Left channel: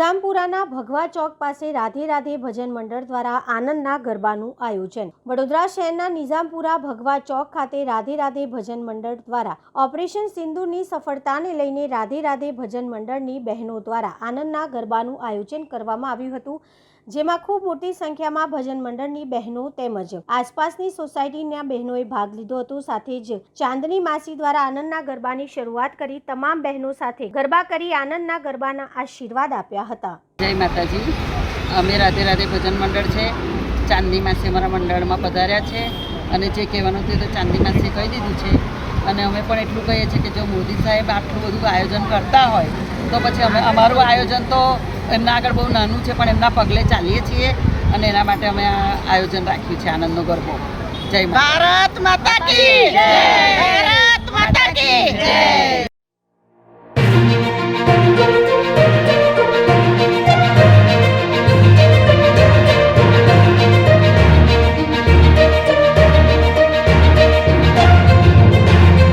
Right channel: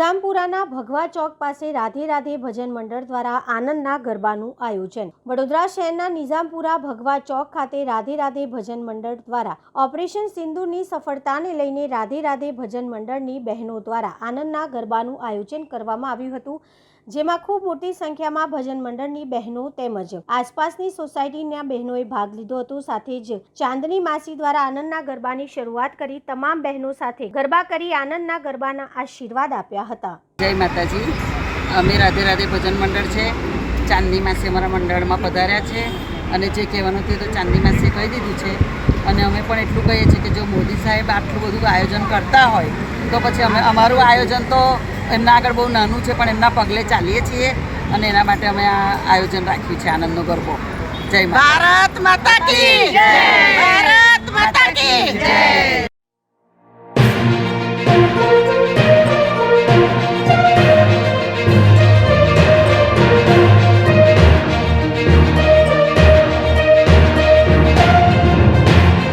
નિઝામપુરાના ભગવા ચોક પાસે રાધે રાધે ભજન મંડળ દ્વારા આનંદના ગરબાનું આયોજન। વડોદરા શહેરના નિઝામપુરા ભગવા ચોક ખાતે રાધે રાધે ભજન મંડળ દ્વારા ઓપરેશન સિંદૂરની સફળતાને લઈને રાધે રાધે ભજન મંડળની બહેનો દ્વારા આનંદના ગરબાનું આયોજન કરવામાં આવ્યું હતું, જેમાં ખૂબ મોટી સંખ્યામાં ભજન મંડળની બહેનો તેમજ આસપાસની સોસાયટીના બહેનોએ ભાગ લીધો હતો। સાથે જ ચાંદની માસી દ્વારા આનંદના ગરબાની શરૂઆત કરી તમામ બહેનો સાથે ગરબા કરી આનંદના ગરબાના આશીર્વાદ આપ્યા હતા। જય માતાજી। અમે રાધે રાધે ભજન મંડળ છે। ચાંદની માસી અમારા મંડળમાં પધાર્યા છે અને જે કહેવાનું તે તો ચાંદની માસીએ કહી દીધું છે અને અમે પણ એટલું કહીએ છીએ કે જો મોદી સાહેબ આટલું બધું આયોજન કરતા હોય તો પછી અમે અમારું આયોજન તો એમના આગળ બહુ નાનું છે, પણ એમના પગલે ચાલીએ છીએ અને એના માટે અમે આ આયોજન રાખ્યું છે આનંદનો ગરબો। જય ભારત માતા કી જય, ભારત માતા કી જય।